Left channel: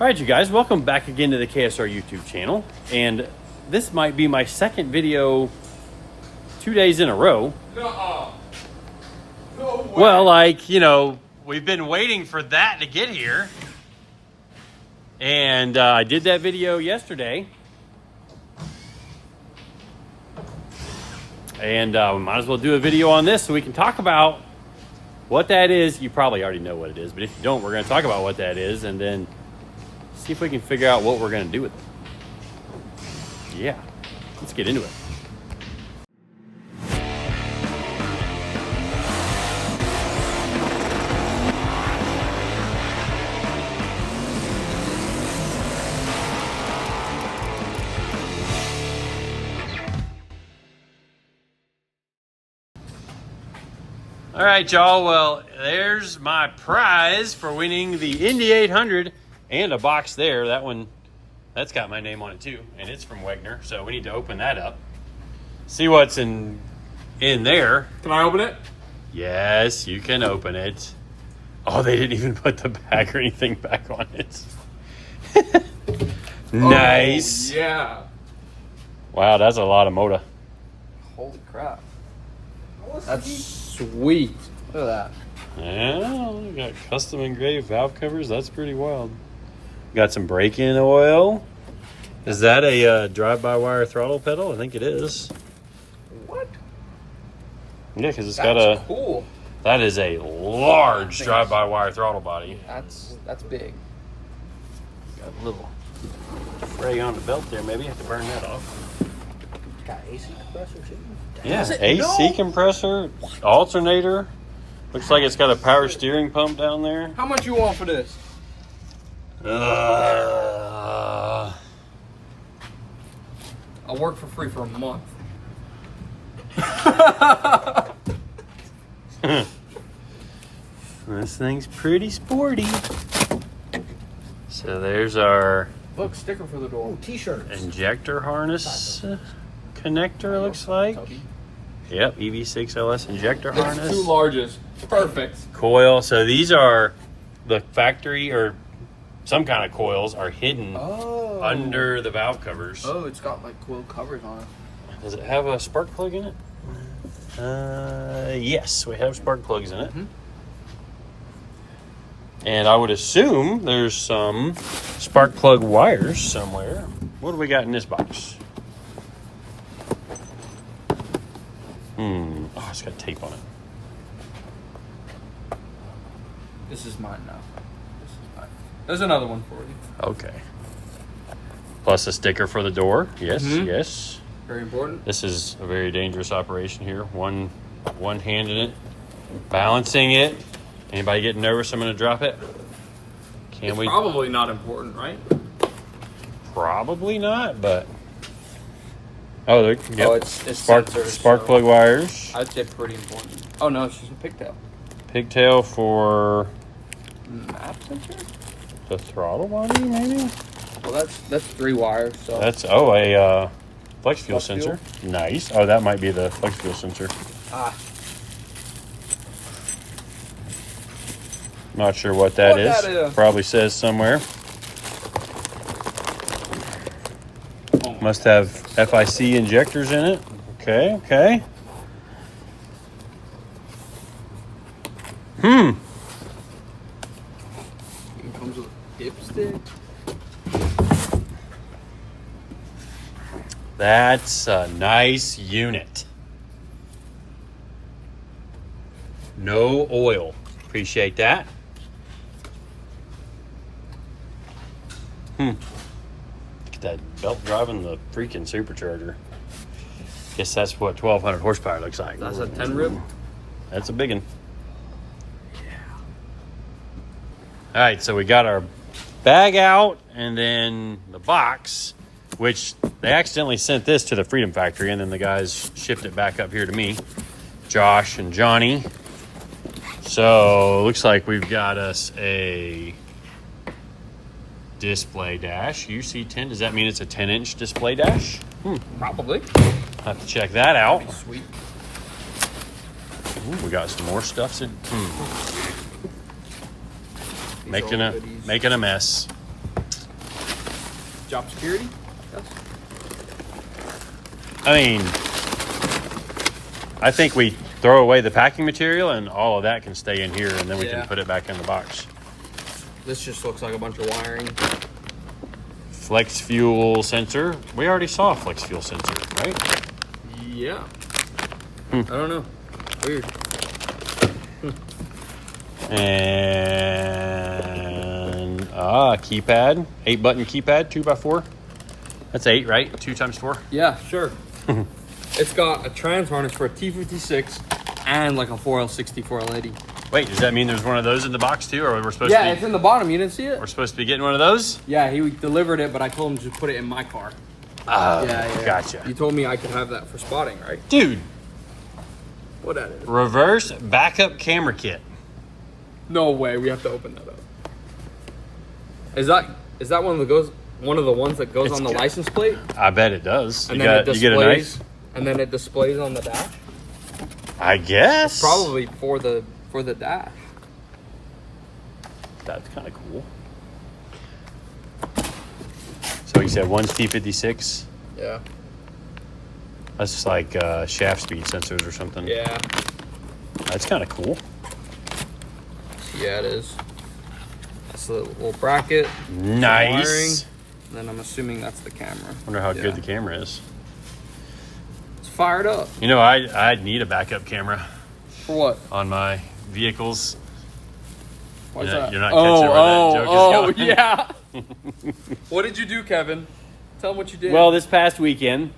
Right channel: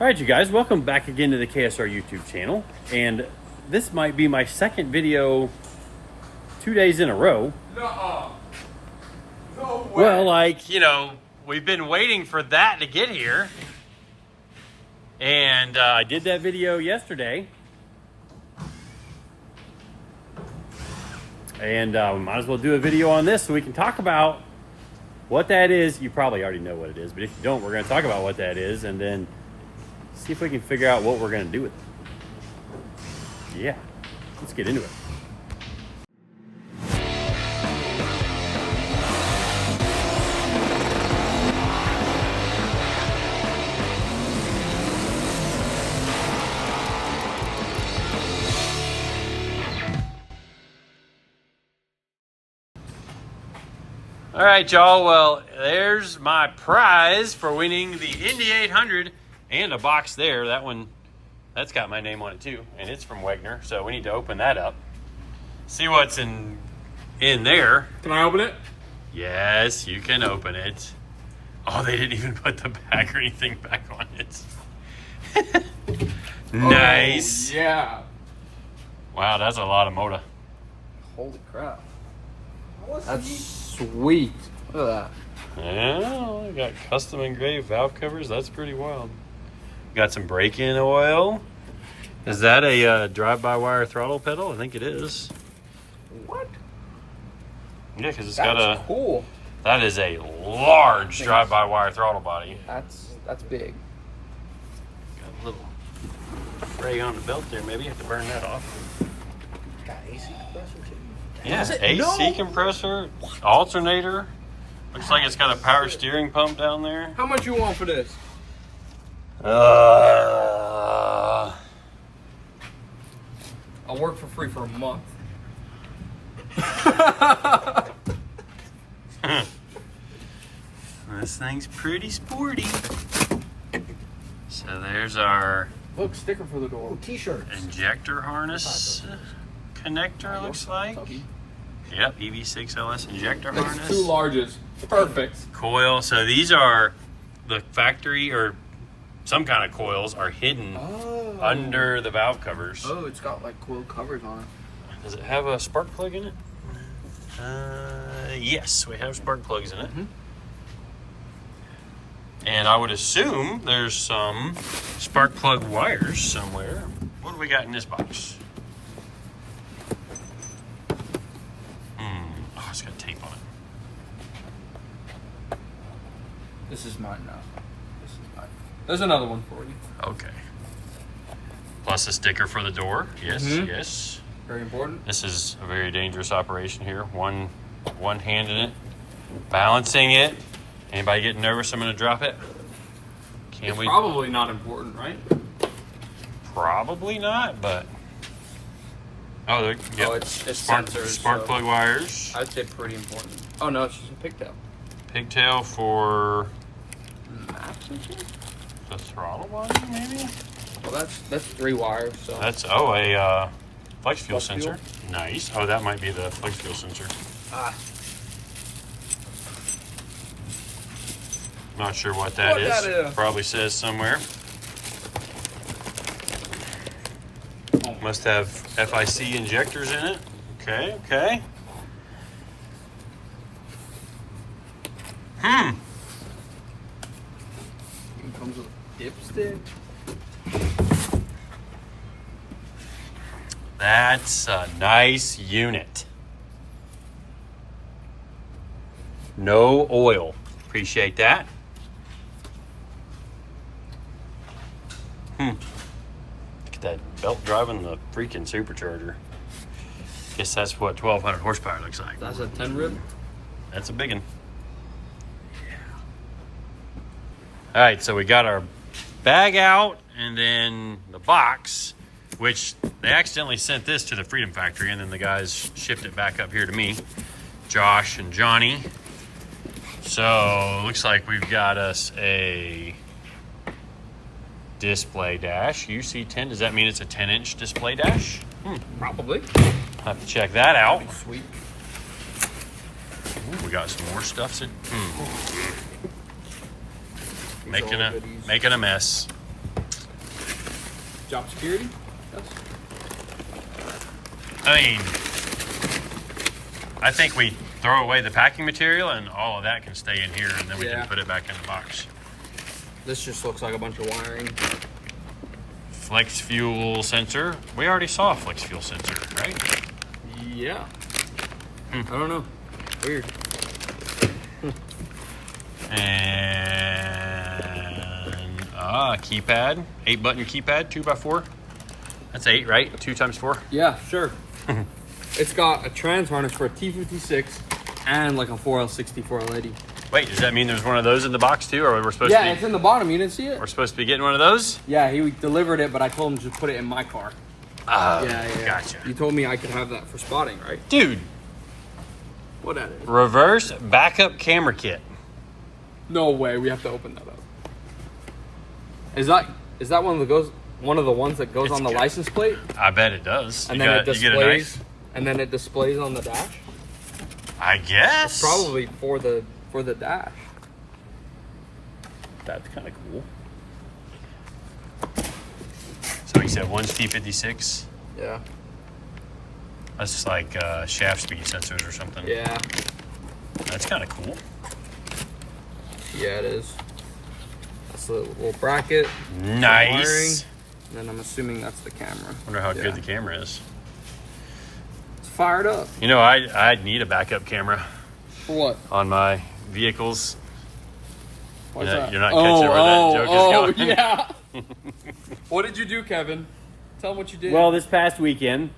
All right, you guys, welcome back again to the KSR YouTube channel. And this might be my second video 2 days in a row. No way. Well, like, you know, we've been waiting for that to get here. And I did that video yesterday. And we might as well do a video on this so we can talk about what that is. You probably already know what it is, but if you don't, we're going to talk about what that is and then see if we can figure out what we're going to do with it. Yeah, let's get into it. All right, y'all. Well, there's my prize for winning the Indy 800 and a box there. That one, that's got my name on it too, and it's from Wagner. So we need to open that up. See what's in there. Can I open it? Yes, you can open it. Oh, they didn't even put the bag or anything back on it. Nice. Oh, yeah. Wow, that's a lot of motor. Holy crap. That's sweet. Look at that. Oh, we got custom engraved valve covers. That's pretty wild. Got some break-in oil. Is that a drive-by-wire throttle pedal? I think it is. What? Yeah, because it's That's got a. cool. That is a large drive-by-wire throttle body. That's big. Got a little spray on the belt there. Maybe have to burn that off. Got AC compressor too. Yeah, Is it? AC No. compressor, alternator. Looks like it's got a power steering pump down there. How much you want for this? Uh, I'll work for free for a month. This thing's pretty sporty. So there's our Look, sticker for the door. T-shirts. injector harness connector, looks like. Yep, EV6LS injector It's harness. 2 larges. Perfect. Coil. So these are the factory or some kind of coils are hidden under the valve covers. Oh, it's got like coil covers on it. Does it have a spark plug in it? Yes, we have spark plugs in it. Mm-hmm. And I would assume there's some spark plug wires somewhere. What do we got in this box? Oh, it's got tape on it. This is mine now. This is mine. There's another one for you. Okay. Plus a sticker for the door. Yes, yes. Very important. This is a very dangerous operation here. One hand in it, balancing it. Anybody getting nervous? I'm going to drop it. It's probably not important, right? Probably not, but oh, yep. Oh, it's spark sensors, plug wires. I'd say pretty important. Oh no, it's just a pigtail. Pigtail for Well, the throttle body, maybe. that's 3 wires. So That's a flex fuel Flex sensor. fuel? Nice. Oh, that might be the flex fuel sensor. Not sure what that is. Probably says somewhere. Must have FIC injectors in it. Okay, okay. It comes with a dipstick. That's a nice unit. No oil. Appreciate that. Look at that belt driving the freaking supercharger. Guess that's what 1200 horsepower looks like. That's a 10 rib. That's a big one. All right, so we got our bag out and then the box, which they accidentally sent this to the Freedom Factory and then the guys shipped it back up here to me, Josh and Johnny. So looks like we've got us a display dash. UC10, does that mean it's a 10-inch display dash? Probably. Have to check that out. Sweet. Ooh, we got some more stuff. Making a mess. Job security? Yes. I mean, I think we throw away the packing material and all of that can stay in here, and then we can put it back in the box. This just looks like a bunch of wiring. Flex fuel sensor. We already saw a flex fuel sensor, right? Yeah. I don't know. Weird. And keypad, 8-button keypad, 2x4. That's 8, right? 2 times 4. Yeah, sure. It's got a trans harness for a T56 and like a 4L60, 4L80. Wait, does that mean there's one of those in the box too, or we're supposed to? Yeah, it's in the bottom. You didn't see it? We're supposed to be getting one of those. Yeah, he delivered it, but I told him to put it in my car. Yeah. Gotcha. You told me I could have that for spotting, right? Dude, What that is? reverse backup camera kit. No way. We have to open that up. Is that one of the ones that goes on the license plate? I bet it does. And then it displays. And then it displays on the dash. I guess. Probably for the dash. That's kind of cool. So he said one's T56. Yeah. That's just like shaft speed sensors or something. Yeah. That's kind of cool. Yeah, it is. That's the little bracket. Nice. Wiring. And then I'm assuming that's the camera. Wonder how good the camera is. It's fired up. You know, I'd need a backup camera For what? on my vehicles. Why is that? You're not catching where that joke is going. Yeah. What did you do, Kevin? Tell them what you did. Well, this past weekend,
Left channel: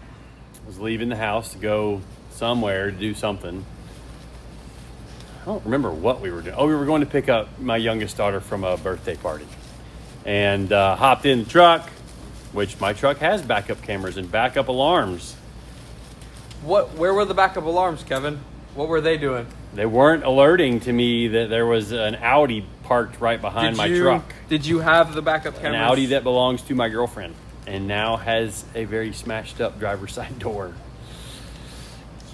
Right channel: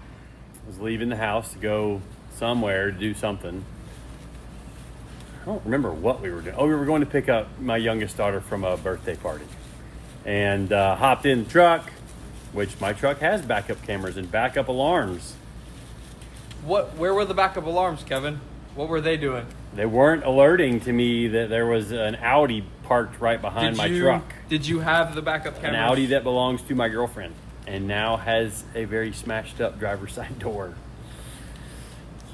I was leaving the house to go somewhere to do something. I don't remember what we were doing. Oh, we were going to pick up my youngest daughter from a birthday party. And hopped in the truck, which my truck has backup cameras and backup alarms. Where were the backup alarms, Kevin? What were they doing? They weren't alerting to me that there was an Audi parked right behind my truck. Did you have the backup cameras? An Audi that belongs to my girlfriend and now has a very smashed up driver's side door.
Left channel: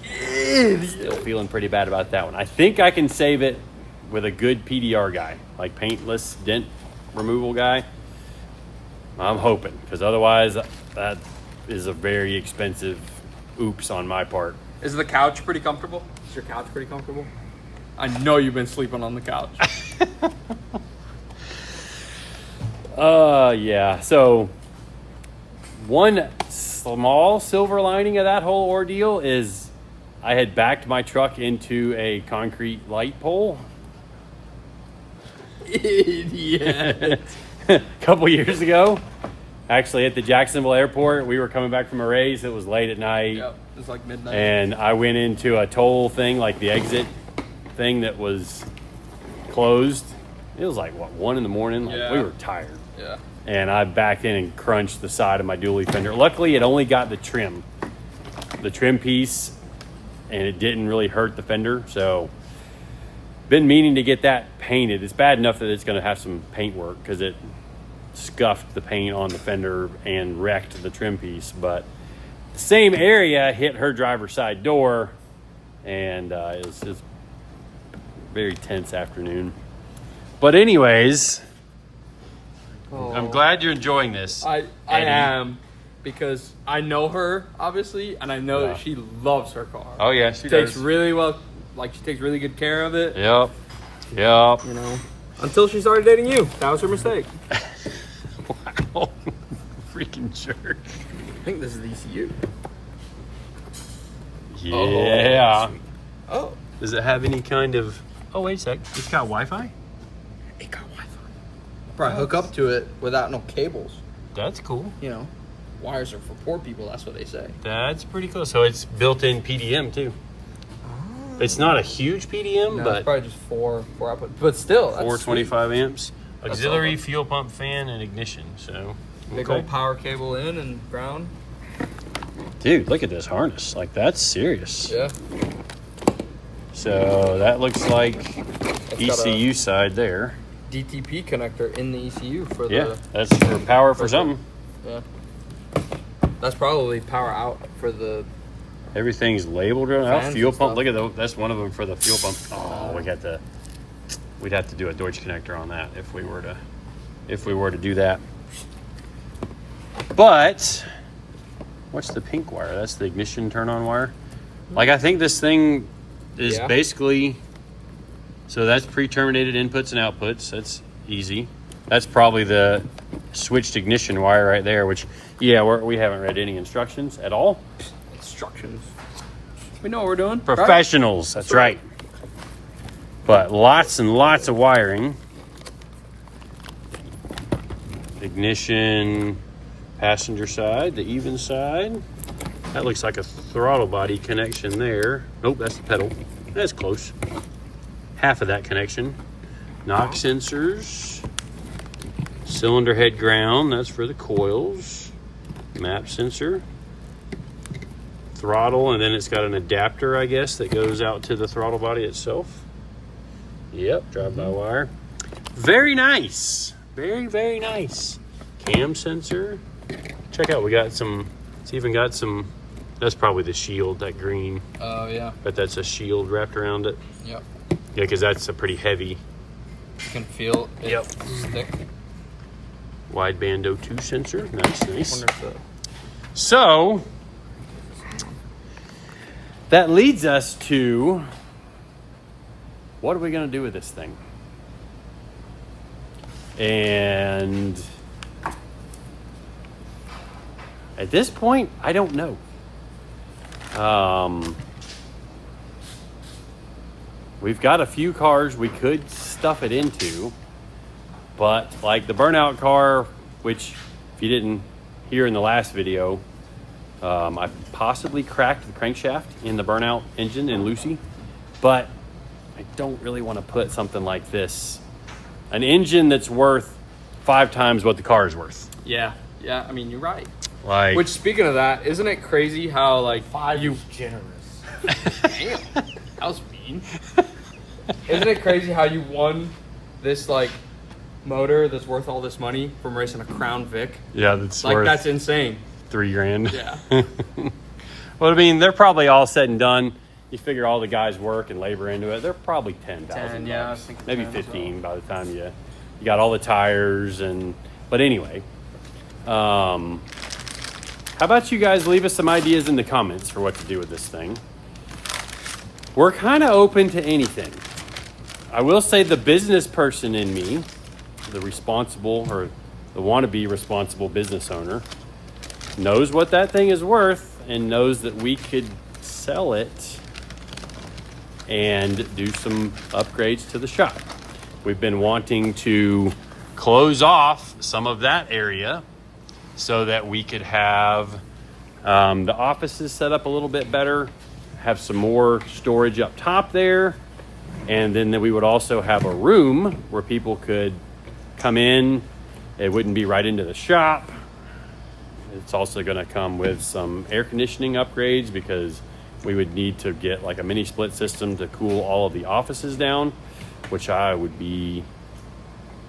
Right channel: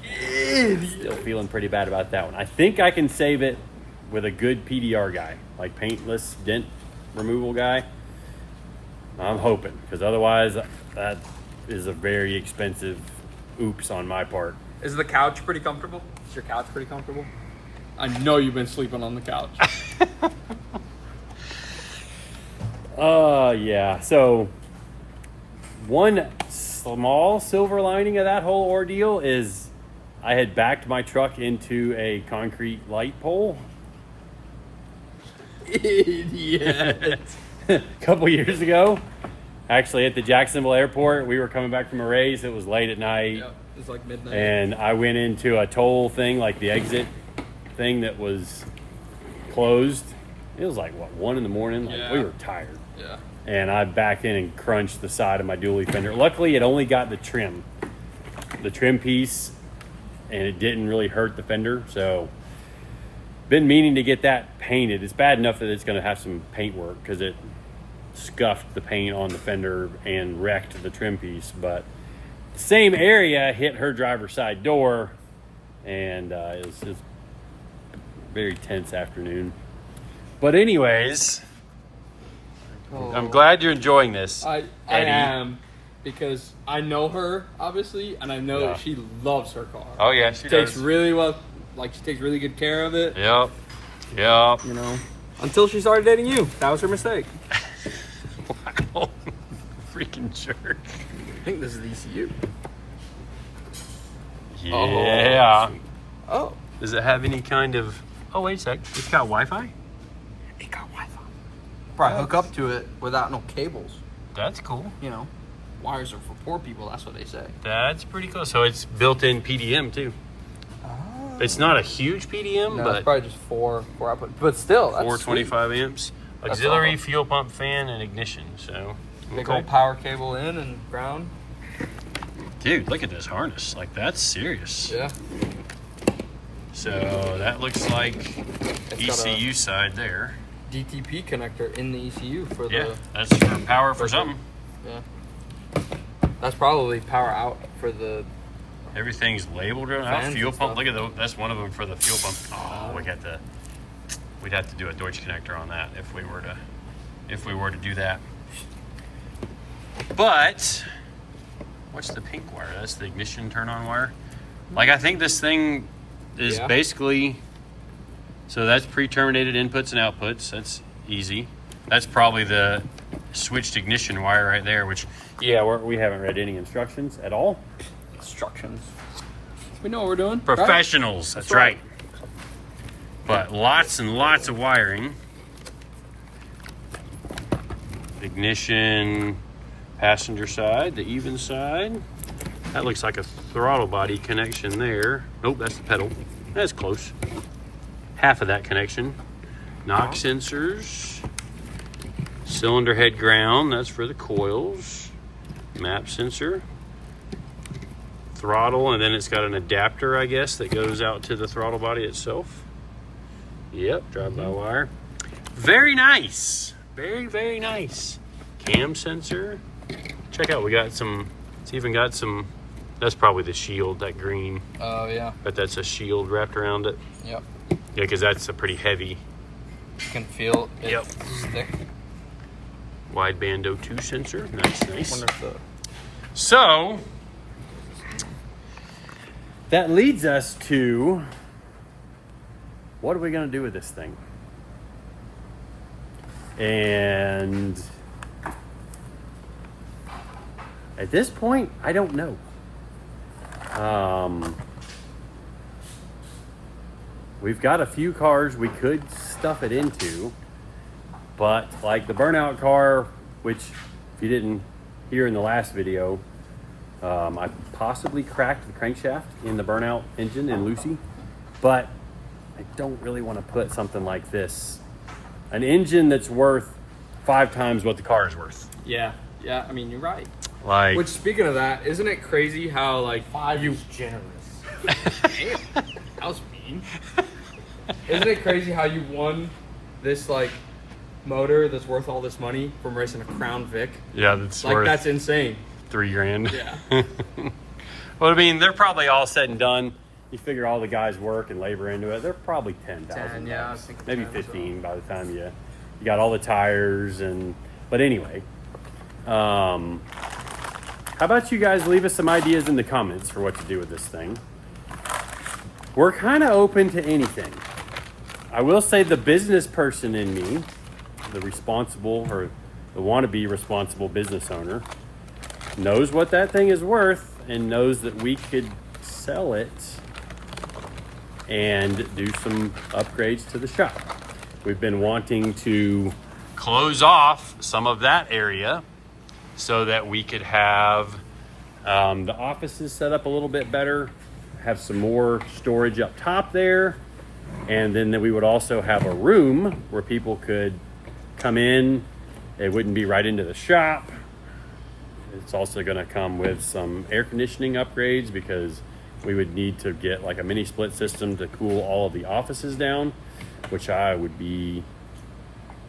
Still feeling pretty bad about that one. I think I can save it with a good PDR guy, like paintless dent removal guy. I'm hoping, because otherwise that is a very expensive oops on my part. Is the couch pretty comfortable? Is your couch pretty comfortable? I know you've been sleeping on the couch. Yeah. So one small silver lining of that whole ordeal is I had backed my truck into a concrete light pole. Idiot. A couple years ago, actually at the Jacksonville airport. We were coming back from a race. It was late at night. Yep, it was like midnight. And I went into a toll thing, like the exit thing that was closed. It was like, 1 in the morning? Like, we were tired. Yeah. And I backed in and crunched the side of my dually fender. Luckily, it only got the trim piece, and it didn't really hurt the fender. So, been meaning to get that painted. It's bad enough that it's going to have some paint work because it scuffed the paint on the fender and wrecked the trim piece. But the same area hit her driver's side door, and it was a very tense afternoon. But anyways, I'm glad you're enjoying this. I am, because I know her, obviously, and I know that she loves her car. Oh yeah, she takes does. really well, like she takes really good care of it. Yep. You know, until she started dating you. That was her mistake. Wow. Freaking jerk. I think this is the ECU. Yeah. Oh. Does it have any kind of... Oh, wait a sec. It's got Wi-Fi? It got Wi-Fi. Probably hook up to it without no cables. That's cool. You know, wires are for poor people. That's what they say. That's pretty cool. So it's built-in PDM, too. It's not a huge PDM, No, but... it's probably just four output. But still, that's 425 sweet. amps. Auxiliary fuel pump fan and ignition, so... Big old power cable in and ground. Dude, look at this harness. Like, that's serious. Yeah. So that looks like It's got ECU side there. DTP connector in the ECU for the... Yeah, that's for power for something. Yeah. That's probably power out for the... Everything's labeled right now. Fans Fuel and pump. stuff. Look at those. That's one of them for the fuel pump. Oh, we'd have to do a Deutsch connector on that if we were to do that. But what's the pink wire? That's the ignition turn on wire. Like, I think this thing is basically, so that's pre-terminated inputs and outputs. That's easy. That's probably the switched ignition wire right there, which, yeah, we haven't read any instructions at all. Instructions. We know what we're doing. Professionals, right? That's right. But lots and lots of wiring. Ignition, passenger side, the even side. That looks like a throttle body connection there. Nope, that's the pedal. That's close. Half of that connection. Knock sensors. Cylinder head ground, that's for the coils. Map sensor. Throttle, and then it's got an adapter, I guess, that goes out to the throttle body itself. Yep, drive-by-wire. Very nice. Very, very nice. Cam sensor. Check out, we got some, it's even got some, that's probably the shield, that green. Oh, yeah. But that's a shield wrapped around it. Yep. Yeah, because that's a pretty heavy. You can feel it stick. Wideband O2 sensor. Nice, nice. I wonder if the... So, that leads us to, what are we going to do with this thing? And at this point, I don't know. We've got a few cars we could stuff it into, but like the burnout car, which if you didn't hear in the last video, I possibly cracked the crankshaft in the burnout engine in Lucy, but I don't really want to put something like this, an engine that's worth 5 times what the car is worth. Yeah, I mean, you're right. Like, Which, speaking of that, isn't it crazy how, like, 5 is generous. Damn, that was mean. Isn't it crazy how you won this, like, motor that's worth all this money from racing a Crown Vic? yeah, that's Like, worth that's insane. $3,000. Yeah. Well, I mean, they're probably all said and done. You figure all the guys' work and labor into it, they're probably 10,000 yeah, I bucks, think maybe 10 as 15 by the time you got all the tires and. But anyway, how about you guys leave us some ideas in the comments for what to do with this thing? We're kind of open to anything. I will say the business person in me, the responsible or the wannabe responsible business owner, knows what that thing is worth and knows that we could sell it and do some upgrades to the shop. We've been wanting to close off some of that area so that we could have the offices set up a little bit better, have some more storage up top there, and then we would also have a room where people could come in. It wouldn't be right into the shop. It's also going to come with some air conditioning upgrades because we would need to get like a mini split system to cool all of the offices down, which I would be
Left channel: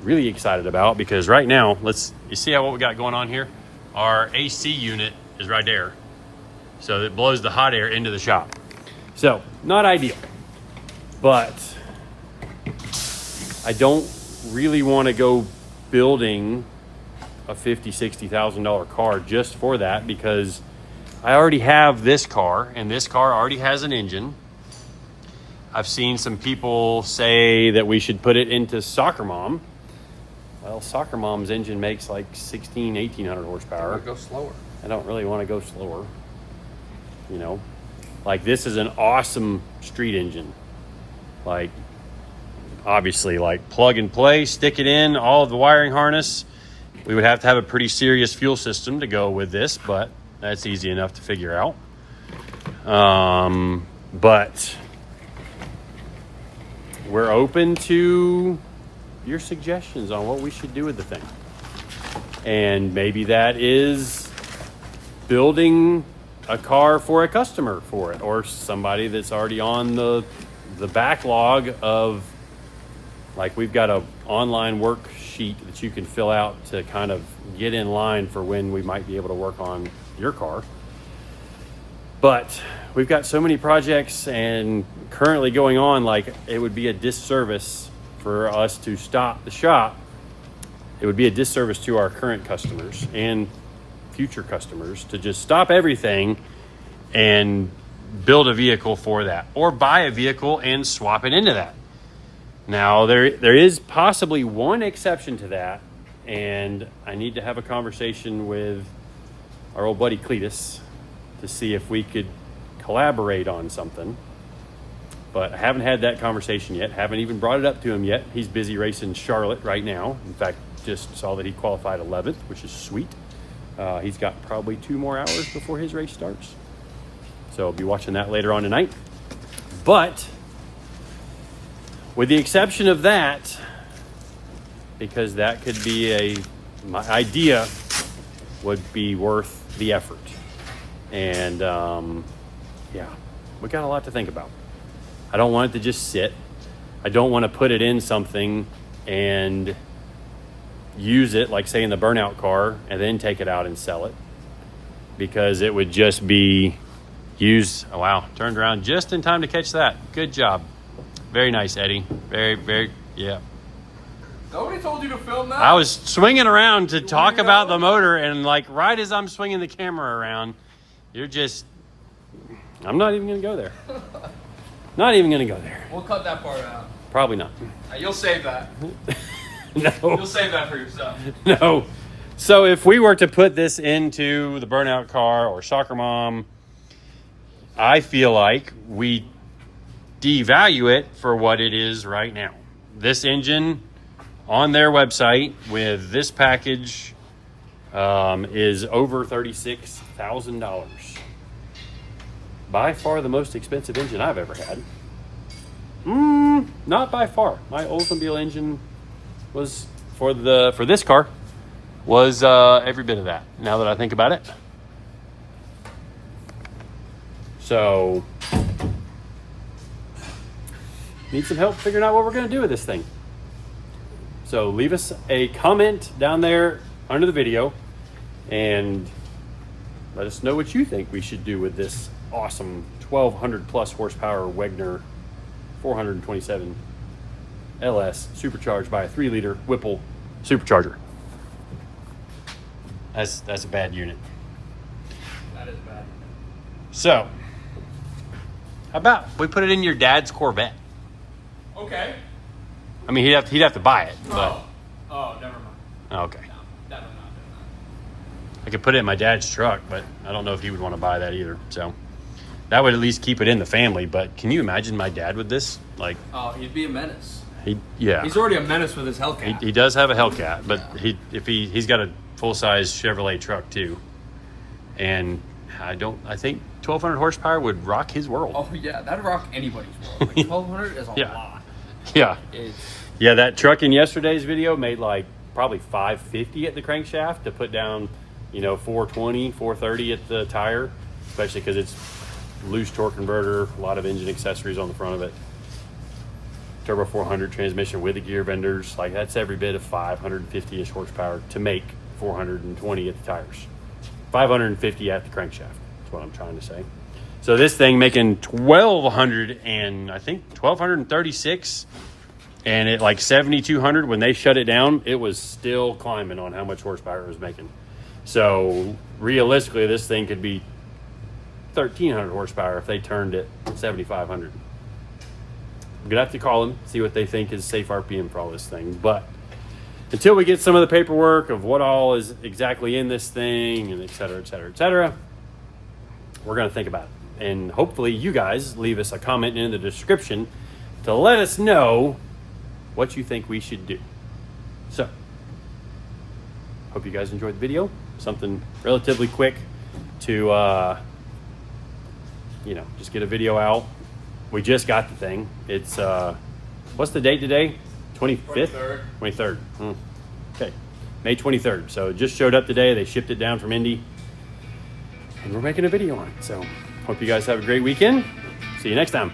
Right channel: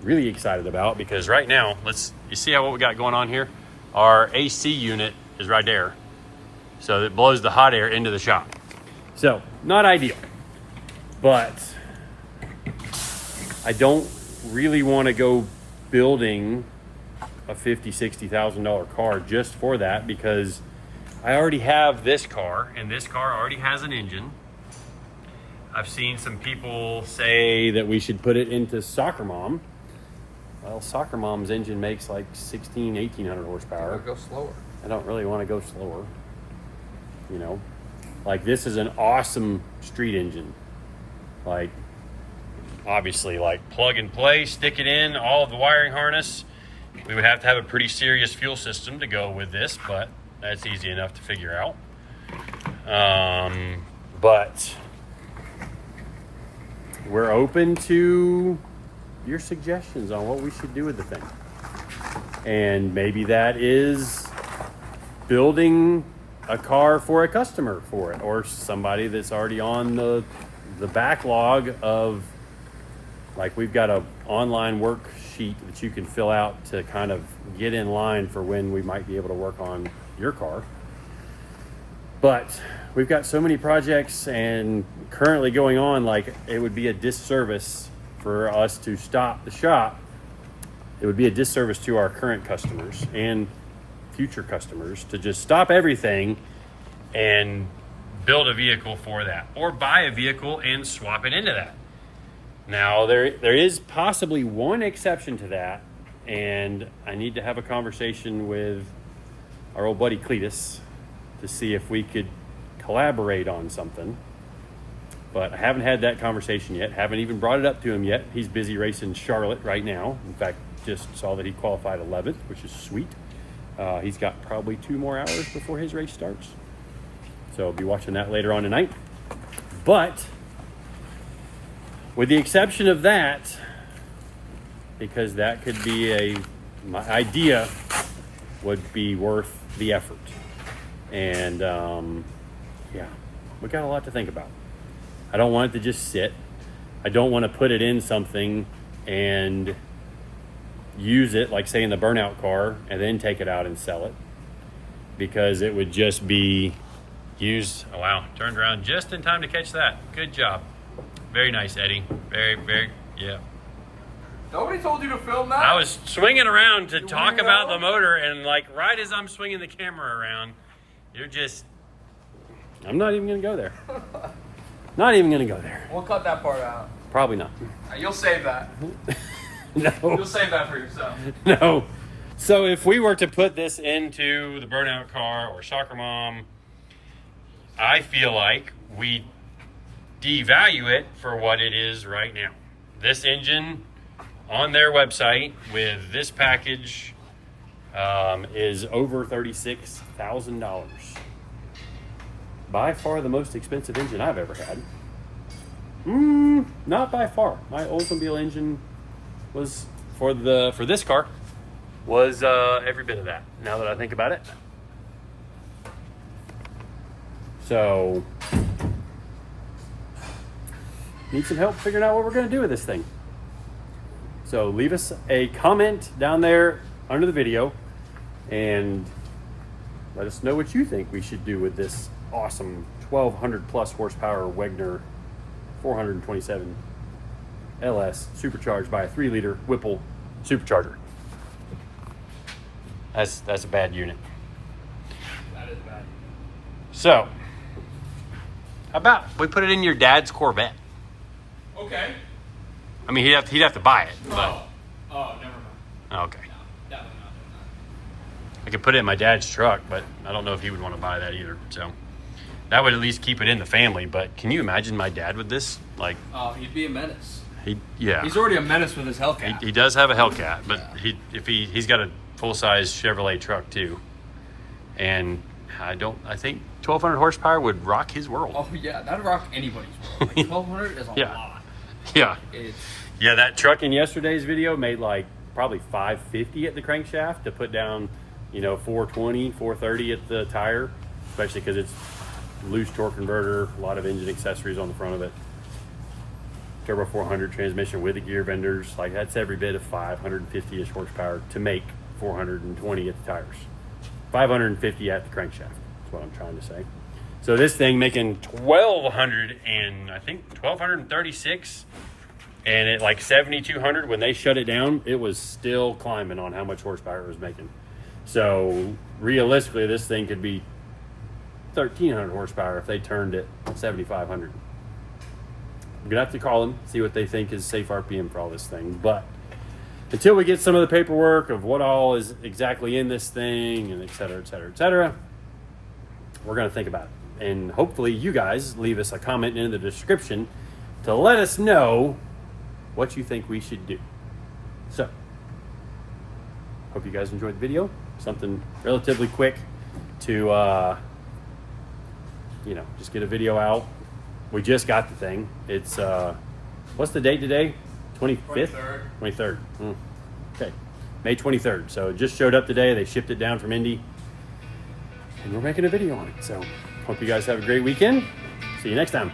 really excited about because right now, you see what we got going on here? Our AC unit is right there. So it blows the hot air into the shop. So not ideal, but I don't really want to go building a $50,000, $60,000 car just for that because I already have this car and this car already has an engine. I've seen some people say that we should put it into Soccer Mom. Well, Soccer Mom's engine makes like 1,800 horsepower. Go slower. I don't really want to go slower. You know, like this is an awesome street engine. Like, obviously, like plug and play, stick it in, all of the wiring harness. We would have to have a pretty serious fuel system to go with this, but that's easy enough to figure out. But we're open to your suggestions on what we should do with the thing. And maybe that is building a car for a customer for it, or somebody that's already on the backlog of, like, we've got a online worksheet that you can fill out to kind of get in line for when we might be able to work on your car. But we've got so many projects and currently going on, like it would be a disservice for us to stop the shop. It would be a disservice to our current customers and future customers to just stop everything and build a vehicle for that, or buy a vehicle and swap it into that. Now, there is possibly one exception to that, and I need to have a conversation with our old buddy Cletus to see if we could collaborate on something. But I haven't had that conversation yet. Haven't even brought it up to him yet. He's busy racing Charlotte right now. In fact, just saw that he qualified 11th, which is sweet. He's got probably 2 more hours before his race starts. So I'll be watching that later on tonight. But with the exception of that, because that could be my idea would be worth the effort. And yeah, we got a lot to think about. I don't want it to just sit. I don't want to put it in something and use it, like say in the burnout car, and then take it out and sell it, because it would just be used. Oh, wow, turned around just in time to catch that. Good job. Very nice, Eddie. Very, yeah. Nobody told you to film that? I was swinging around to talk about the motor, and like right as I'm swinging the camera around, you're just, I'm not even going to go there. Not even going to go there. We'll cut that part out. Probably not. You'll save that. No. You'll save that for yourself. No. So if we were to put this into the burnout car or soccer mom, I feel like we devalue it for what it is right now. This engine on their website with this package is over $36,000. By far the most expensive engine I've ever had. Not by far. My Oldsmobile engine was for this car was every bit of that, now that I think about it. So need some help figuring out what we're going to do with this thing. So leave us a comment down there under the video and let us know what you think we should do with this awesome 1200 plus horsepower Wegner 427 LS supercharged by a 3-liter Whipple supercharger. That's a bad unit. That is bad. So, how about we put it in your dad's Corvette? Okay. I mean, he'd have to buy it. But, Oh, never mind. okay. No, definitely not doing that. I could put it in my dad's truck, but I don't know if he would want to buy that either. So that would at least keep it in the family. But can you imagine my dad with this? Like, Oh, he'd be a menace. yeah. He's already a menace with his Hellcat. He does have a Hellcat, but he's got a full-size Chevrolet truck too. And I think 1200 horsepower would rock his world. Oh yeah, that'd rock anybody's world. Like 1200 is a Yeah. lot. Yeah. It's Yeah, that truck in yesterday's video made like probably 550 at the crankshaft to put down, 420, 430 at the tire, especially because it's loose torque converter, a lot of engine accessories on the front of it. Turbo 400 transmission with the gear vendors, like that's every bit of 550-ish horsepower to make 420 at the tires. 550 at the crankshaft, that's what I'm trying to say. So this thing making 1236, and at like 7,200 when they shut it down, it was still climbing on how much horsepower it was making. So realistically, this thing could be 1,300 horsepower if they turned it 7,500. I'm gonna have to call them, see what they think is safe RPM for all this thing. But until we get some of the paperwork of what all is exactly in this thing and et cetera, we're gonna think about it. And hopefully you guys leave us a comment in the description to let us know what you think we should do. So, hope you guys enjoyed the video. Something relatively quick to, just get a video out. We just got the thing. It's, what's the date today? 25th? 23rd. Okay, May 23rd. So it just showed up today. They shipped it down from Indy. And we're making a video on it. So, hope you guys have a great weekend. See you next time.